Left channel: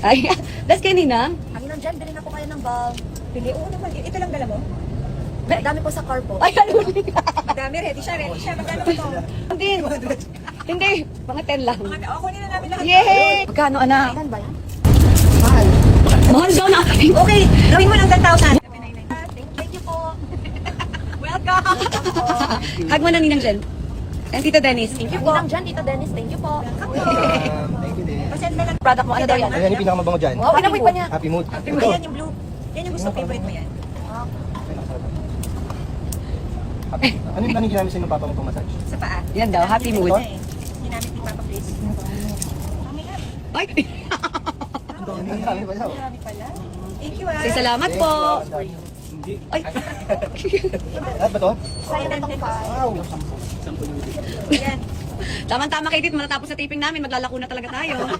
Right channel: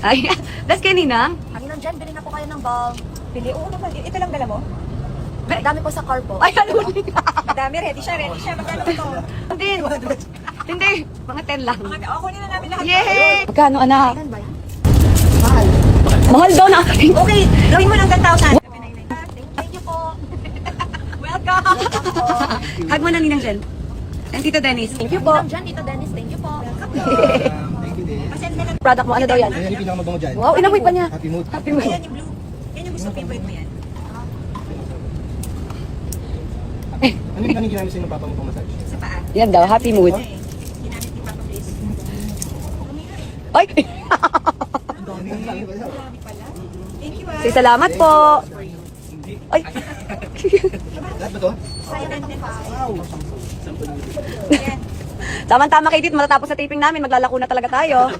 Ay, das kay Ninang. Ang nandyan, bilhin na po kayo ng bulb. Pili, oo naman. Ito lang dala mo? Dami po sa car po. Ay, ano ni? Madami, ready siya. Magkano po ito? Hindi. Hindi, mga 10 lang. Ako nila namin lahat. Yay! Magkano, anak? Kailan ba yan? Mahal daw na. Okay, gawin mo ng 10,000. Thank you po. Welcome! Hug mo na Ninang Jen. And Tito Dennis. Thank you po. Ninang dyan, Tito Dennis. Thank you po. Thank you din. Pasend na lang. Product mo, ano daw yan? Ayan yung pinakamabango dyan. Oh, inamoy pa niya. Happy mood. Ayan yung blue. Yan yung gusto favorite mo yan. Ano yung kanina ginamit sa'yo ng papa mo pang-massage? Sa paa. Yan daw, happy mood. Ginamit ni Papa Chris. Ay! Dami pala. Thank you Say salamat po. Ay! Lahat ba to? Sayang na itong Wow! Yan. Tama-tama kay Dit, matatapos na taping namin, maglalako na talaga tayo.